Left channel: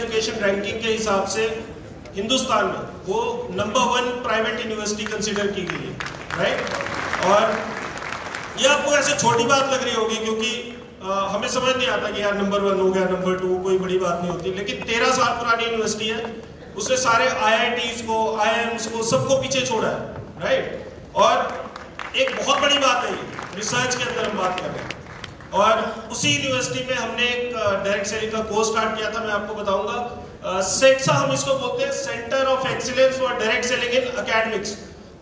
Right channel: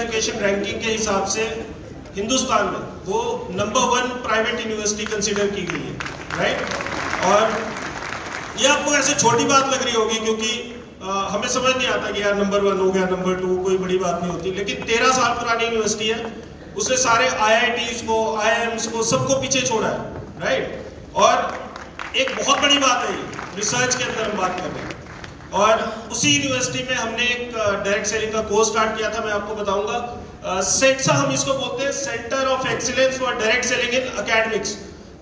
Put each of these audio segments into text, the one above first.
Education ranking के हिसाब से हिंदुस्तान में वो नंबर 1 प्राइवेट यूनिवर्सिटी कंसीडर की गई है, राइट। और ये आपको ऐसे छोटी बात लग रही होगी क्योंकि हमें समझ नहीं आता कि यार नंबर 1 हो गया, नंबर 2 कोई बड़ी बात नहीं होती, लेकिन 13 साल पुरानी यूनिवर्सिटी है, उसने सारे IITs को, IIMs को, सबको पीछे छोड़ा है, राइट। और एक बहुत बड़ी बात है ये रिसर्च के अंदर हम बात कर रहे हैं। और उसी यूनिवर्सिटी में हमने एक डायरेक्ट सेलिंग का कोर्स स्टार्ट किया था, मैं आपको बताऊंगा। सेट्सा हम इसको बोलते हैं, centre of excellence for direct selling in academics.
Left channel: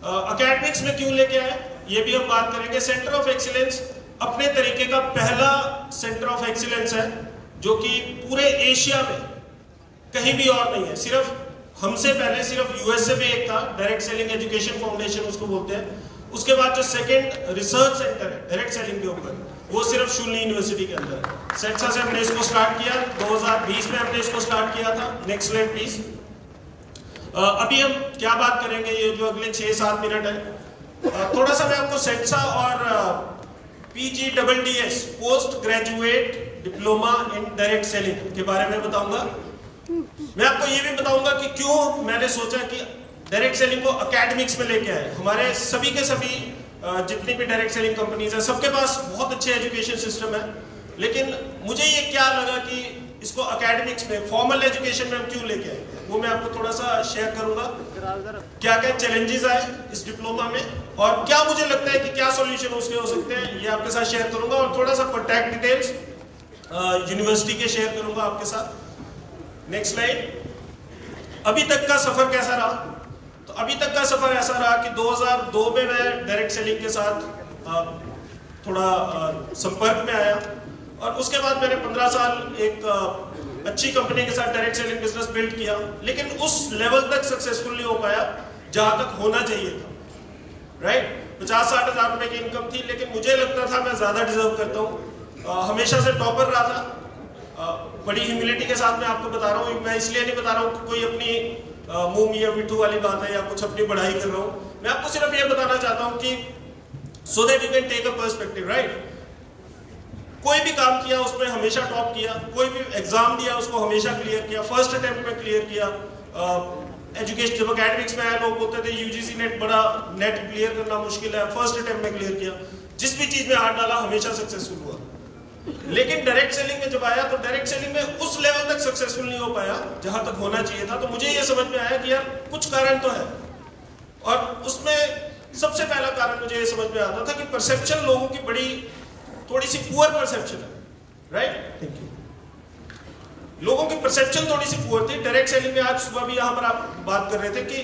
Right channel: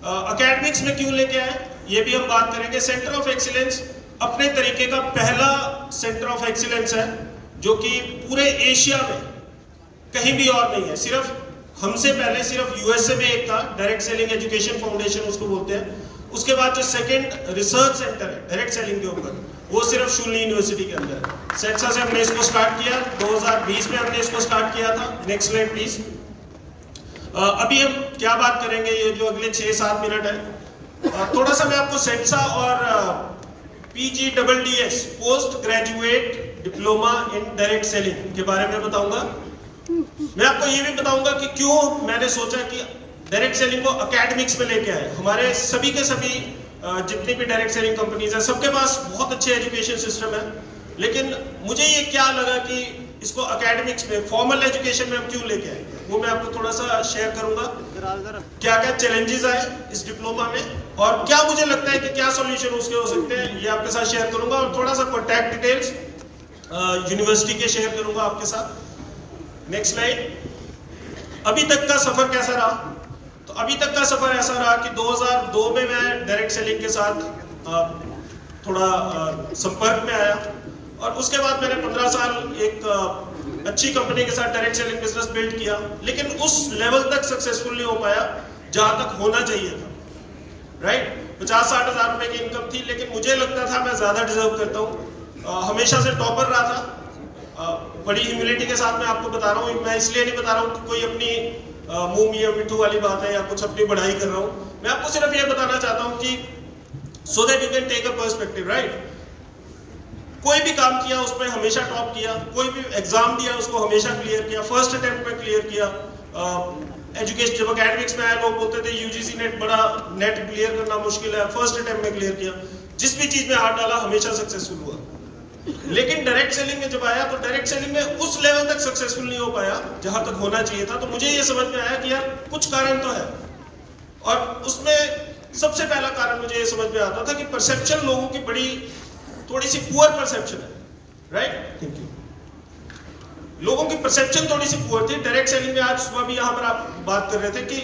Academics में क्यों लेके आए ये भी हम बात करेंगे। सेंटर ऑफ एक्सीलेंस अपने तरीके का पहला सेंटर ऑफ एक्सीलेंस है जो कि पूरे एशिया में कहीं भी और नहीं है। सिर्फ हमसे पहले सिर्फ यूएसए में एक था, डायरेक्ट सेलिंग एजुकेशन फाउंडेशन उसको बोलते हैं। उसके बाद जो सेकंड रिसर्च सेंटर है डायरेक्ट सेलिंग के ऊपर, वो सिर्फ शूली यूनिवर्सिटी के अंदर है। सेट्सा से हमने इसको स्टार्ट किया, 2020 में हमने इसको स्टार्ट किया था। Next slide please. अभी हम क्या बात करेंगे, ये जो अगले 6-7 मिनट है, थोड़ा सा मैं आपको सेट्सा और PGDDS post graduate diploma in direct selling के बारे में बताऊंगा। मैं आपको ये भी बताऊंगा कि क्यों मैंने सोचा कि डायरेक्ट सेलिंग को एकेडमिक्स में लेके आए। हमारे सभी के सभी जितनी भी डायरेक्ट सेलिंग कंपनीज है, सबके पास बहुत अच्छे एजुकेशन सिस्टम है, लेकिन मुझे ये क्या लगा कि इसको एकेडमिक्स में, फॉर्मल एजुकेशन में हम क्यों लेके आए, वो मैं आपको थोड़ा सा शेयर करूंगा। क्या क्या चैलेंजेस आए इस डिप्लोमा में और क्या मुझे लगता है कि क्या सॉल्यूशन उसके हो सकते हैं, ये आपके साथ शेयर करूंगा। और थोड़ा सा कॉन्टैक्ट डिटेल्स यूनिवर्सिटी के शेयर करूंगा आपके साथ। Next slide. अभी तक का सफर कैसा रहा? तो अभी तक का सफर ऐसा रहा कि 2002 में मैं डायरेक्ट सेलिंग के साथ थोड़ा संपर्क में आया और उसके बाद मैंने 15 साल एक अच्छी कंपनी के साथ डायरेक्ट सेलिंग बिजनेस बिल्ड किया, लेकिन उस लेवल तक सक्सेसफुल नहीं हो पाया जहां तक होना चाहिए था, राइट। 50-60 हजार रुपए की इनकम थी, लेकिन मुझे लगता था मैं ज्यादा डिजर्व करता हूँ। हमेशा से टॉपर रहा था। बड़ी ह्यूमिलिटी के साथ मैं आपको बता रहा हूँ, मैं इसलिए नहीं बता रहा हूँ कि कोई अपनी मुंह मियां मिठू वाली बात है या कुछ अपनी बढ़ाई कर रहा हूं। मैं आपको सिर्फ ये बताना चाहता हूं कि so that you can take a perspective, right. कोई भी काम किया उसमें हमेशा टॉप किया, कोई भी एग्जाम दिया उसको हमेशा क्लियर किया, फर्स्ट अटेम्प्ट में क्लियर किया। एजुकेशन जब एकेडमिक्स में आया, लोग बोलते थे यूजीसी नेट बड़ा, नेट क्लियर करना मुश्किल है, फर्स्ट अटेम्प्ट में क्लियर किया। जिस भी चीज में हाथ डाला हमेशा सक्सेसफुल हुआ। लेकिन डायरेक्ट सेलिंग में जब आया तो डायरेक्ट सेलिंग में उस लेवल तक सक्सेसफुल नहीं हो पाया जहां तक होना चाहिए था। तो मुझे ये समझ में आया कि यार कुछ कारण तो है, और उसमें सबसे पहला कारण मुझे ये समझ में आता था कि परसेप्शन लोगों की बड़ी थोड़ी सी पुअर परसेप्शन है, राइट। Thank you. लोगों की परसेप्शन थोड़ी सी पुअर थी डायरेक्ट सेलिंग में। आज सुबह भी यहां पर आप बात कर रहे थे कि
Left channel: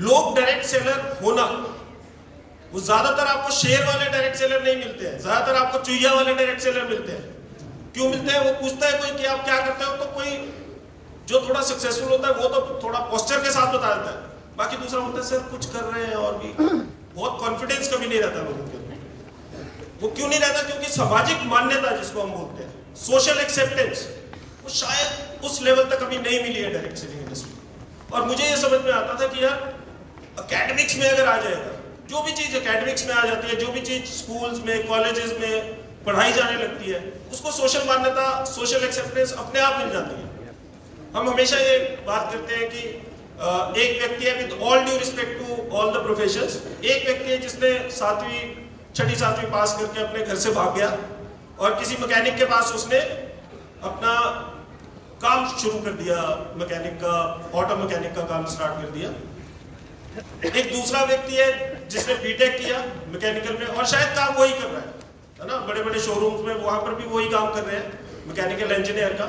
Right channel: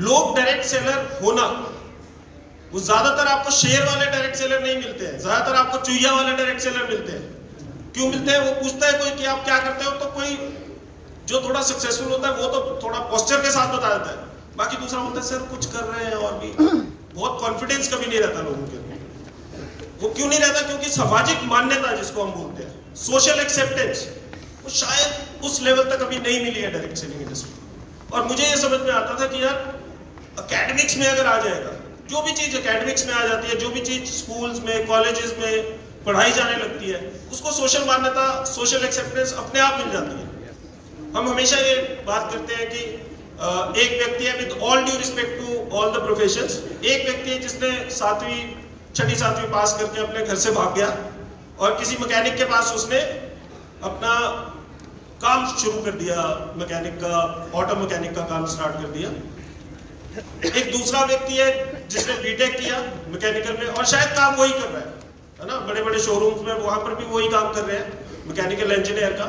लोग डायरेक्ट सेलर होना, वो ज्यादातर आपको शेयर वाले डायरेक्ट सेलर नहीं मिलते हैं, ज्यादातर आपको चुहिया वाले डायरेक्ट सेलर मिलते हैं। क्यों मिलते हैं? वो पूछता है कोई कि आप क्या करते हो, तो कोई जो थोड़ा सक्सेसफुल होता है वो तो थोड़ा पोस्टर के साथ बता देता है, बाकी दूसरा होता है सर कुछ कर रहे हैं, और भी बहुत कॉन्फिडेंस कभी नहीं रहता लोगों के। वो क्यों नहीं रहता? क्योंकि सामाजिक मान्यता जिसको हम बोलते हैं, सोशल एक्सेप्टेंस, वो शायद उस लेवल तक अभी नहीं मिली है डायरेक्ट सेलिंग इंडस्ट्री। और मुझे ये समझ में आता था कि यार एकेडमिक्स में अगर आ जाएगा, जो भी चीज एकेडमिक्स में आ जाती है, जो भी चीज स्कूल्स में, कॉलेजेस में पढ़ाई जाने लगती है, उसको सोशल मान्यता, सोशल एक्सेप्टेंस अपने आप मिल जाती है। हम हमेशा ये बात करते हैं कि एक व्यक्ति है, with all due respect to all the professions, एक व्यक्ति है जिसने 6वीं 7वीं पास करके अपने घर से भाग गया और किसी मैकेनिक के पास उसने अपना काम शुरू कर दिया, मैकेनिक का, ऑटो मैकेनिक का काम स्टार्ट कर दिया। एक दूसरा व्यक्ति है जिसने बीटेक किया मैकेनिकल में और शायद काम वही कर रहा है ना, बड़े बड़े शोरूम्स में वहां पर भी वही काम कर रहे हैं मैकेनिकल इंजीनियर का।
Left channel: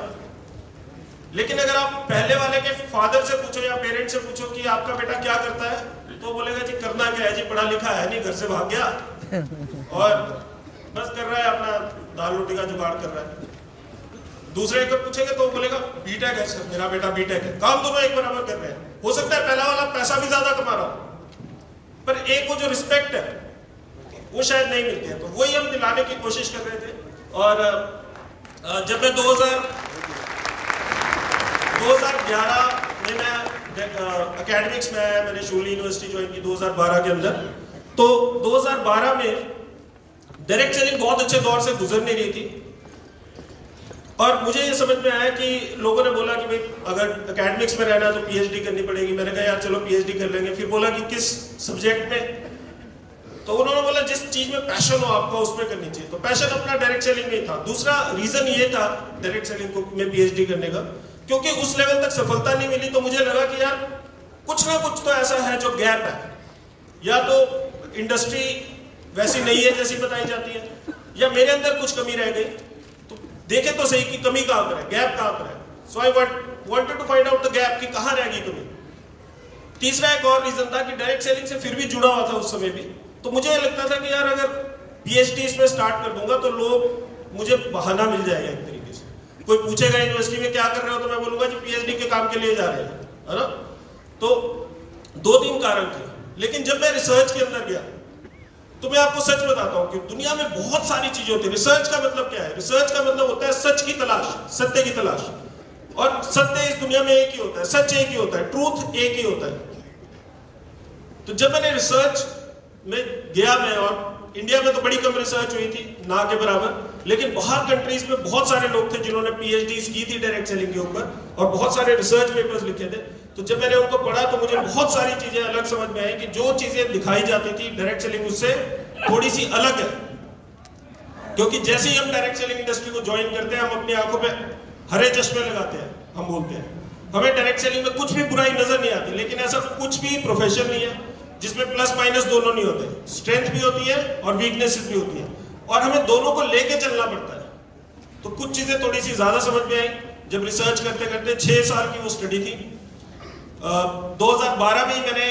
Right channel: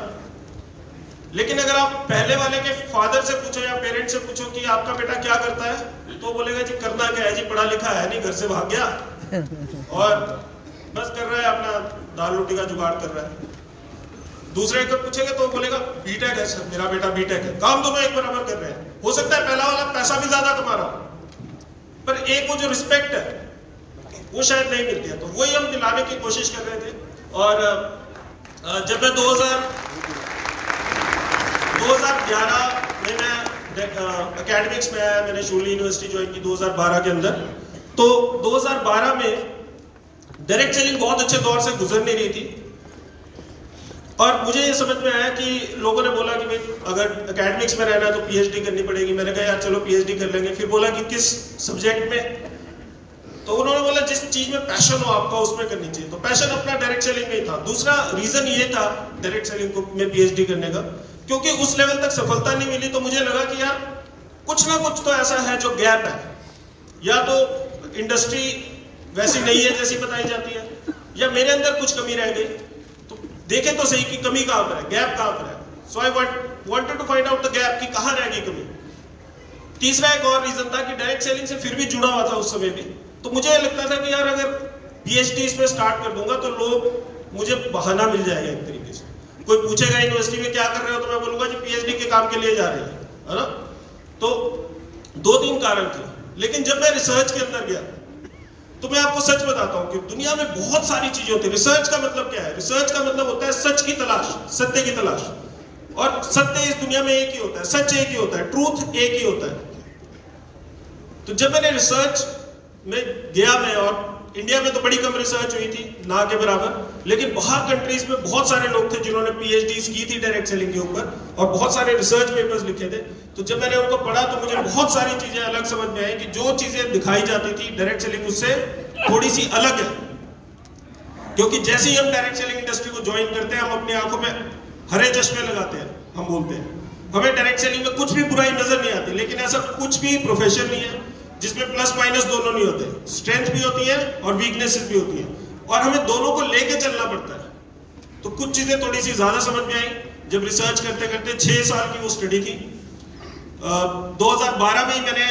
लेकिन अगर आप पहले वाले के फादर से पूछो या पेरेंट्स से पूछो कि आपका बेटा क्या करता है, तो बोलेगा जी करना क्या है जी, पढ़ा लिखा है नहीं, घर से भाग गया और बस कर रहा है अपना दाल रोटी का जुगाड़ कर रहा है। दूसरे को पूछेंगे तो बोलेगा बीटेक है सर, मेरा बेटा बीटेक है, काम दोनों एक बराबर कर रहे हैं। हो सकता है पहला वाला पैसा भी ज्यादा कमा रहा हो, पर एक वो जो रिस्पेक्ट है वो शायद नहीं मिलती है। तो वही हम दिलाने की कोशिश कर रहे थे। और जब मैं 2011 में मैं एकेडमिक्स में आया, मैंने शूली यूनिवर्सिटी ज्वाइन की 2012 के अंदर। तो 2012 में डायरेक्ट सेलिंग बहुत अच्छे दौर से गुजर नहीं रही थी और मुझे ये समझ में आया कि लोगों ने बोला कि भाई अगर एकेडमिक्स में रहना है तो पीएचडी करनी पड़ेगी। मैंने कहा यार चलो पीएचडी कर लेंगे। फिर बोला कि किस सब्जेक्ट में, तो उन्होंने बोला जिस चीज में पैशन हो आपका उसमें करनी चाहिए। तो पैशन अपना डायरेक्ट सेलिंग में ही था। दूसरा रीजन ये था डायरेक्ट सेलिंग में पीएचडी करने का, क्योंकि उस लेवल तक सफलता नहीं मिली। तो मुझे लगा कि यार कुछ ना कुछ तो ऐसा है जो गैप है, या तो इंडस्ट्री वैसी नहीं है जैसी बताई जाती है, या मेरे अंदर कुछ कमी रह गई। तो देखे तो सही कि कमी कहां पर है, गैप कहां पर है। So I wanted to find out the gap कि कहां रह गई कमी। तीसरा एक और रीजन था कि डायरेक्ट सेलिंग से फिर भी जुड़ा हुआ था उस समय भी। तो मुझे लगता था कि यार अगर पीएचडी इसमें स्टार्ट कर दूंगा तो लोग मुझे बहाना मिल जाएगा एक तरीके से। कोई पूछेगा यूनिवर्सिटी में क्या कर रहे हो, तो मैं बोलूंगा जी पीएचडी के काम के लिए जा रहे हैं, है ना। तो 2-3 कारण थे। लेकिन जब मैं रिसर्च के अंदर गया तो मैं आपको सच बताता हूं कि दुनिया में बहुत सारी चीजें होती है। रिसर्च का मतलब क्या है? रिसर्च का मतलब होता है सच की तलाश, सत्य की तलाश। और सत्य इस दुनिया में एक ही होता है, सच एक ही होता है, ट्रूथ एक ही होता है। तो जब मैंने रिसर्च में गया मैं, और इंडिया में तो बड़ी कम रिसर्च हुई थी, ना के बराबर, लेकिन बाहर कंट्रीज में बहुत सारे लोग थे जिन्होंने पीएचडीज की थी डायरेक्ट सेलिंग के ऊपर, और बहुत सारे रिसर्च पेपर्स लिखे थे। तो जब मैंने उनको पढ़ा तो मुझे बहुत सारी चीजें अलग समझ में आई कि जो चीजें दिखाई जाती थी डायरेक्ट सेलिंग उससे थोड़ी सी अलग है। क्योंकि जैसे ही हम डायरेक्ट सेलिंग इंडस्ट्री को ज्वाइन करते हैं, हम अपनी आंखों पे हरे चश्मे लगाते हैं। हम बोलते हैं हमें डायरेक्ट सेलिंग में कुछ भी बुराई नजर नहीं आती, लेकिन ऐसा कुछ भी प्रोफेशन नहीं है जिसमें प्लस माइनस दोनों नहीं होते। स्ट्रेंथ भी होती है और वीकनेसेस भी होती है, और हमें दोनों को लेके चलना पड़ता है। तो कुछ चीजें थोड़ी सी ज्यादा समझ में आई जब रिसर्च करते करते। 6 साल की वो स्टडी थी। 2012 में ही मैंने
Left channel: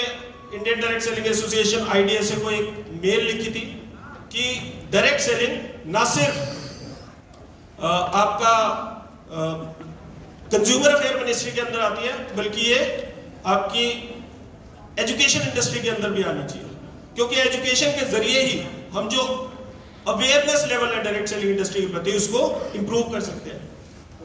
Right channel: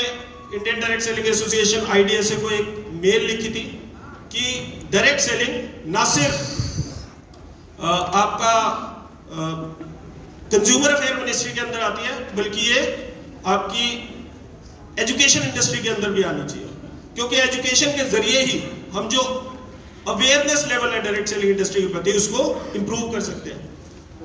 Indian direct selling association IDSA को एक मेल लिखी थी कि डायरेक्ट सेलिंग ना सिर्फ आपका कंज्यूमर अफेयर मिनिस्ट्री के अंदर आती है, बल्कि ये आपकी एजुकेशन इंडस्ट्री के अंदर भी आनी चाहिए। क्योंकि एजुकेशन के जरिए ही हम जो अवेयरनेस लेवल है डायरेक्ट सेलिंग इंडस्ट्री के प्रति उसको इंप्रूव कर सकते हैं।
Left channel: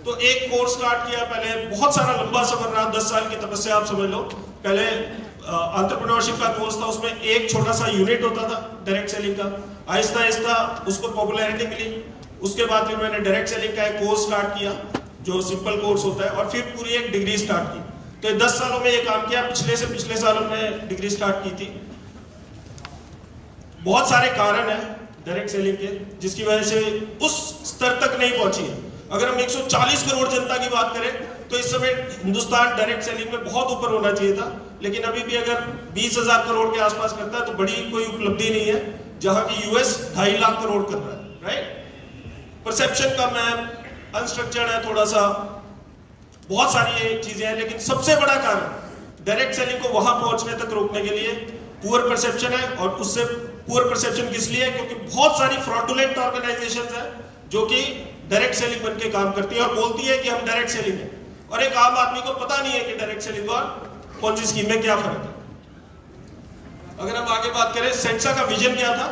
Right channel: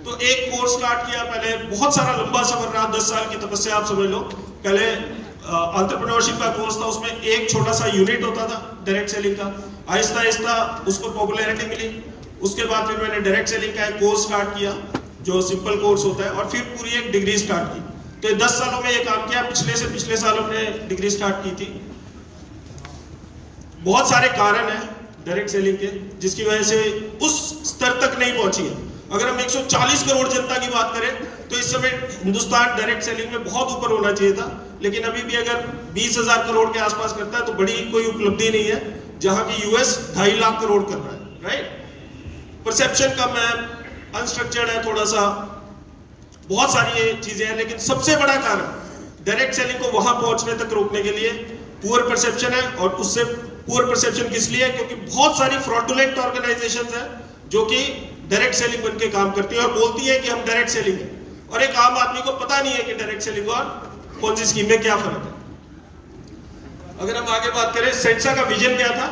तो एक कोर्स स्टार्ट किया। पहले बहुत सारा लंबा सफर रहा, 10 साल की तपस्या आप समझ लो। पहले एंटरप्रेन्योरशिप का कोर्स था, उसमें एक छोटा सा यूनिट होता था डायरेक्ट सेलिंग का। आहिस्ता आहिस्ता उसको पॉपुलैरिटी मिली। उसके बाद फिर मैंने डायरेक्ट सेलिंग का एक कोर्स स्टार्ट किया जो सिंपल कोर्स होता है, और फिर पूरी एक डिग्री स्टार्ट की। तो 10 सालों में ये काम किया। पिछले सालों में डिग्री स्टार्ट की थी। बहुत सारे कारण हैं डायरेक्ट सेलिंग के जिसकी वजह से उस स्तर तक नहीं पहुंची है। अगर हम 140 करोड़ जनता की बात करें तो इस समय हिंदुस्तान डायरेक्ट सेलिंग में बहुत ऊपर होना चाहिए था, लेकिन अभी भी अगर 20,000 करोड़ के आसपास करता है तो बड़ी कोई उपलब्धि नहीं है, जहां की US 2.5 लाख करोड़ कर रहा है। राइट। परसेप्शन कम है, अनस्ट्रक्चर्ड है थोड़ा सा, बहुत सारी ये चीजें हैं। लेकिन सबसे बड़ा कारण डायरेक्ट सेलिंग को वहां पहुंचने तक रोकने के लिए पुअर परसेप्शन है। और उससे पुअर परसेप्शन किस लिए है? क्योंकि बहुत सारी फ्रॉडुलेंट ऑर्गेनाइजेशंस हैं जो कि डायरेक्ट सेलिंग बन के काम करती है और बोलती है कि हम डायरेक्ट सेलिंग है, और एक आम आदमी को पता नहीं है कि डायरेक्ट सेलिंग और पॉलिसी स्कीम में क्या फर्क है। अगर हम आगे बात करें, सेंसा का विजन क्या था?